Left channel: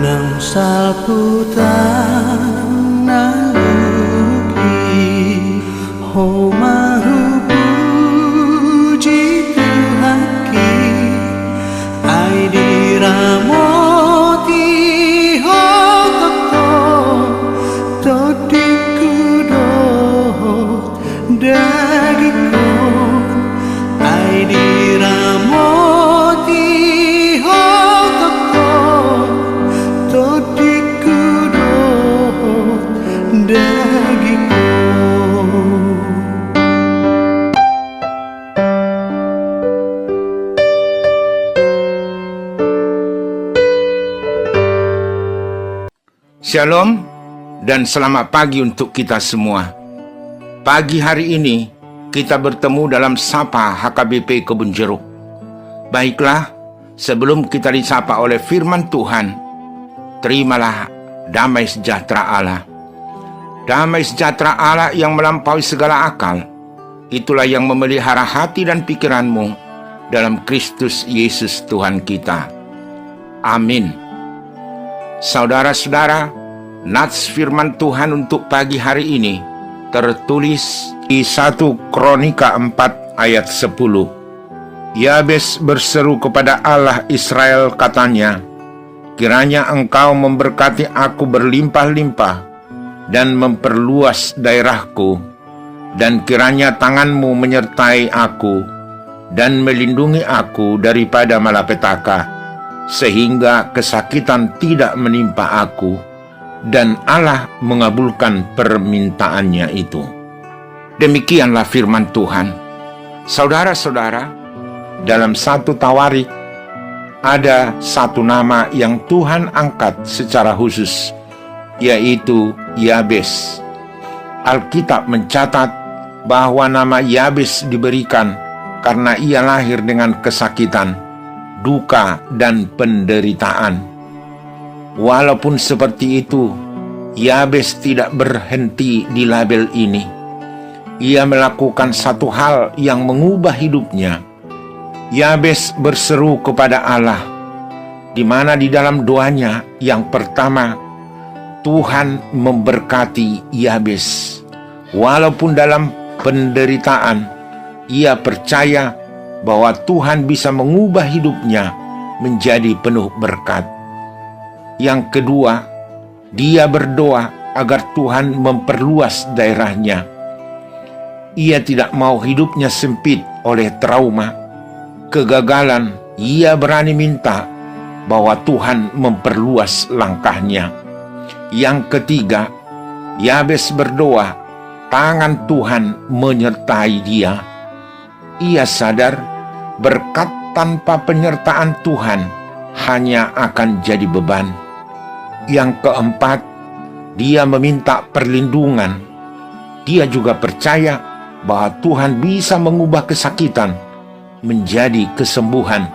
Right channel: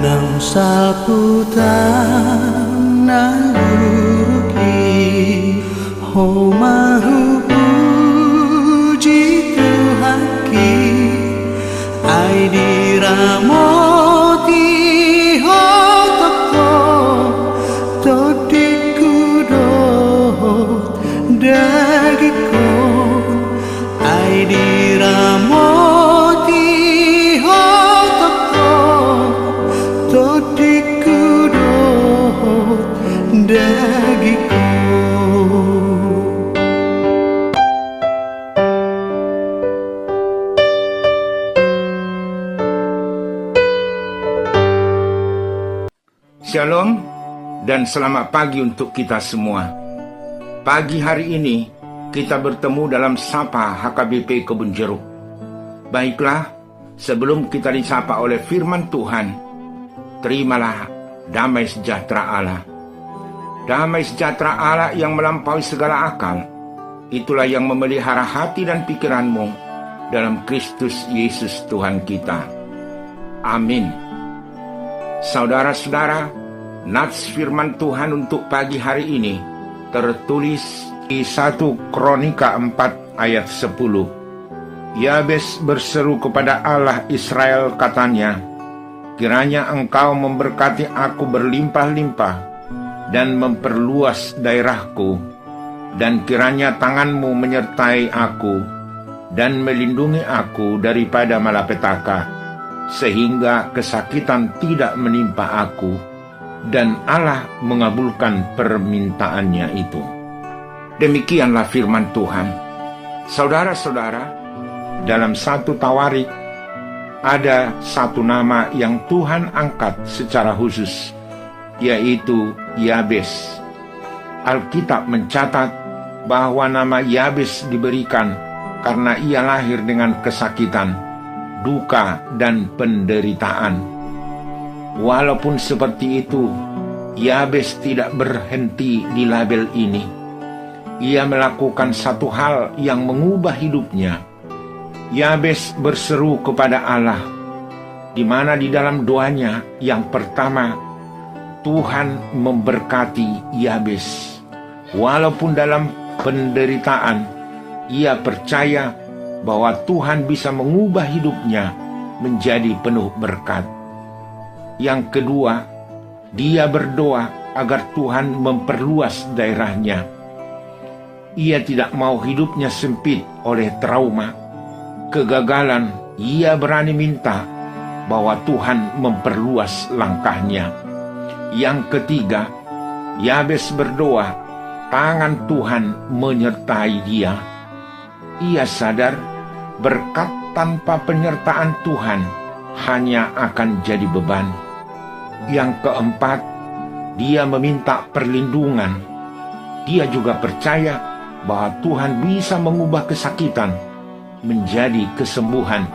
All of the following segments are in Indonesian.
Nang saputan naluruki ho mahu puji Tuhaki ai diramoti ho tokto todiku dohot dagikon ai diramoti ho tokto todiku dohot dagikon. Shalom dan selamat pagi untuk kita semua. Pagi hari ini kita bertemu dalam Sapa HKBP Kebun Jeruk. Baiklah, sebelum kita disapa oleh firman Tuhan, terimalah damai sejahtera Allah. Damai sejahtera Allah yang melampaui segala akal, itulah yang memelihara hati dan pikiranmu dalam Kristus Yesus Tuhan kita. Amin. Saudara-saudara, nats firman Tuhan untuk pagi hari ini tertulis di 1 Kronika 4 ayat 10. Yabes berseru kepada Allah Israel, katanya, kiranya engkau memberkati aku berlimpah-limpah dan memperluas daerahku, dan kiranya tanganmu menyertai aku dan melindungi aku daripada malapetaka, sehingga kesakitan tidak menimpa aku. Dan Allah mengabulkan permintaannya itu. Demikianlah firman Tuhan. Saudara-saudara, dalam satu Tawarik ada satu nama yang Tuhan angkat secara khusus, yaitu Yabes. Alkitab mencatat bahwa nama Yabes diberikan karena ia lahir dengan kesakitan, duka, dan penderitaan. Walaupun seperti itu, Yabes tidak berhenti di label ini. Ia melakukan satu hal yang mengubah hidupnya. Yabes berseru kepada Allah, di mana di dalam doanya yang pertama, Tuhan memberkati Yabes. Walaupun dalam penderitaan, ia percaya bahwa Tuhan bisa mengubah hidupnya menjadi penuh berkat. Yang kedua, dia berdoa agar Tuhan memperluas daerahnya. Ia tidak mau hidupnya sempit oleh trauma, kegagalan. Ia berani minta bahwa Tuhan memperluas langkahnya. Yang ketiga, Yabes berdoa, tangan Tuhan menyertai dia. Ia sadar berkat tanpa penyertaan Tuhan hanya akan jadi beban. Yang keempat, dia meminta perlindungan. Dia juga percaya bahwa Tuhan bisa mengubah kesakitan menjadi kesembuhan,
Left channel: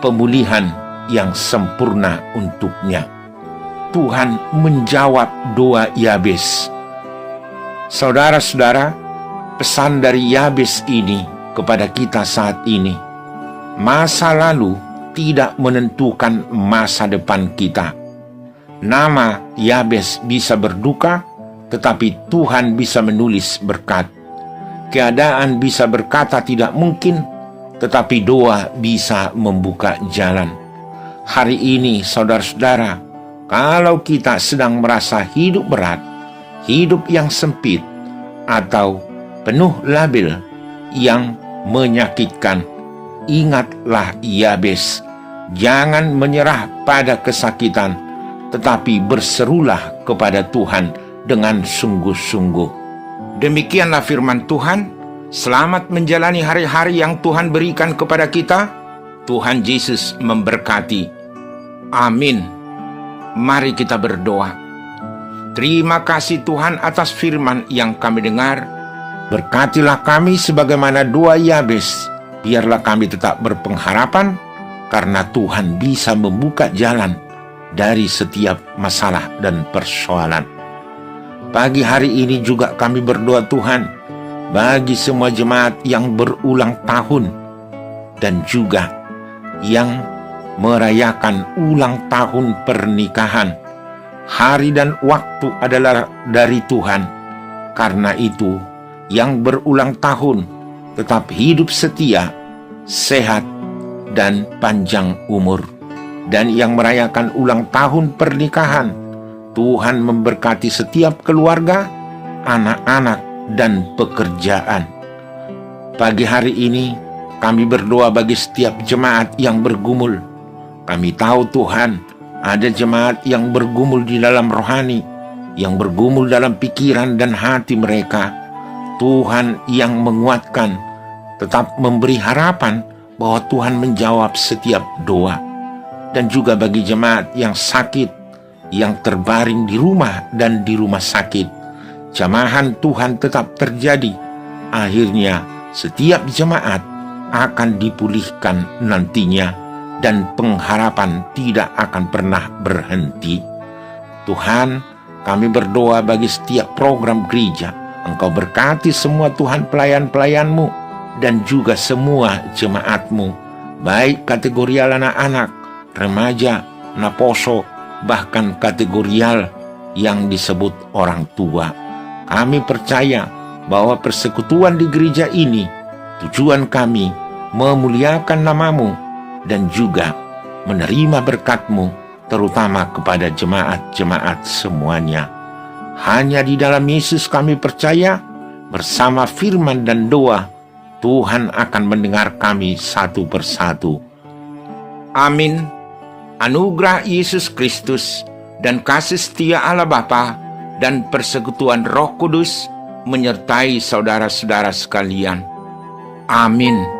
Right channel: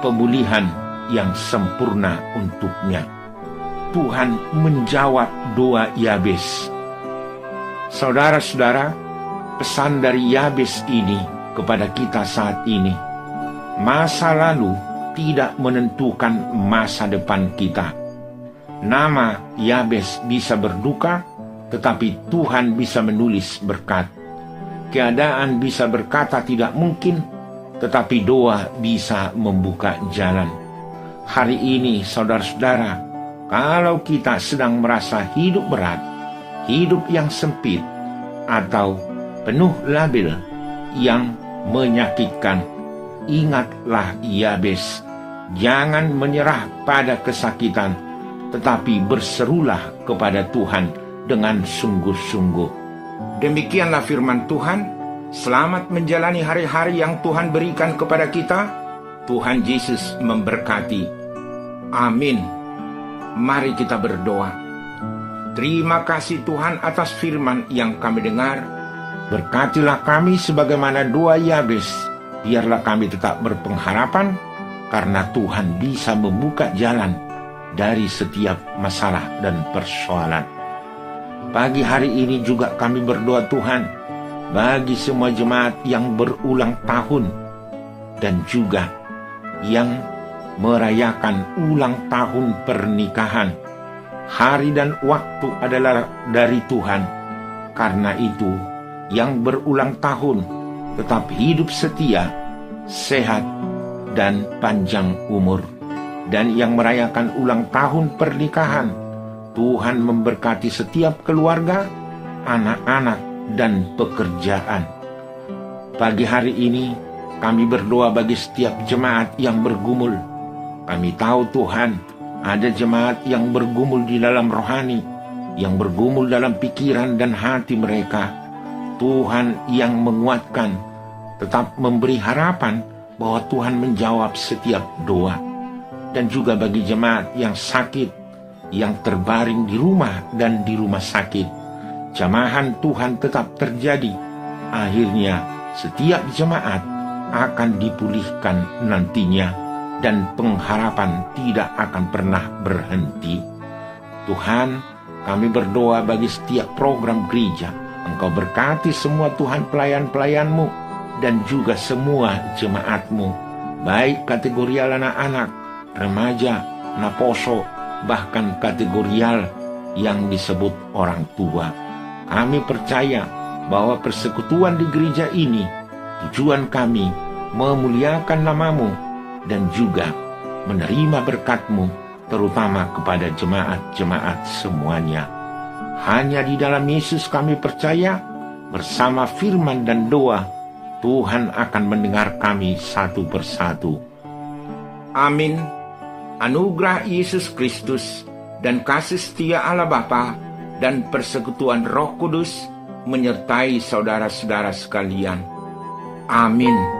pemulihan yang sempurna untuknya. Tuhan menjawab doa Yabes. Saudara-saudara, pesan dari Yabes ini kepada kita saat ini, masa lalu tidak menentukan masa depan kita. Nama Yabes bisa berduka, tetapi Tuhan bisa menulis berkat. Keadaan bisa berkata tidak mungkin, tetapi doa bisa membuka jalan. Hari ini, saudara-saudara, kalau kita sedang merasa hidup berat, hidup yang sempit, atau penuh label yang menyakitkan, ingatlah Yabes. Jangan menyerah pada kesakitan, tetapi berserulah kepada Tuhan dengan sungguh-sungguh. Demikianlah firman Tuhan. Selamat menjalani hari-hari yang Tuhan berikan kepada kita. Tuhan Yesus memberkati. Amin. Mari kita berdoa. Terima kasih Tuhan atas firman yang kami dengar. Berkatilah kami sebagaimana doa Yabes. Biarlah kami tetap berpengharapan, karena Tuhan bisa membuka jalan dari setiap masalah dan persoalan. Pagi hari ini juga kami berdoa Tuhan, bagi semua jemaat yang berulang tahun dan juga yang merayakan ulang tahun pernikahan. Hari dan waktu adalah dari Tuhan. Karena itu, yang berulang tahun tetap hidup setia, sehat, dan panjang umur. Dan yang merayakan ulang tahun pernikahan, Tuhan memberkati setiap keluarga, anak-anak, dan pekerjaan. Pagi hari ini, kami berdoa bagi setiap jemaat yang bergumul. Kami tahu Tuhan, ada jemaat yang bergumul di dalam rohani, yang bergumul dalam pikiran dan hati mereka. Tuhan yang menguatkan, tetap memberi harapan bahwa Tuhan menjawab setiap doa. Dan juga bagi jemaat yang sakit, yang terbaring di rumah dan di rumah sakit, jamahan Tuhan tetap terjadi. Akhirnya setiap jemaat akan dipulihkan nantinya, dan pengharapan tidak akan pernah berhenti. Tuhan, kami berdoa bagi setiap program gereja. Engkau berkati semua Tuhan pelayan-pelayan-Mu dan juga semua jemaat-Mu, baik kategorial anak-anak, remaja, naposo, bahkan kategorial yang disebut orang tua. Kami percaya bahwa persekutuan di gereja ini, tujuan kami memuliakan nama-Mu dan juga menerima berkat-Mu, terutama kepada jemaat-jemaat semuanya. Hanya di dalam Yesus kami percaya, bersama firman dan doa, Tuhan akan mendengar kami satu persatu. Amin. Anugerah Yesus Kristus dan kasih setia Allah Bapa dan persekutuan Roh Kudus menyertai saudara-saudara sekalian. Amin.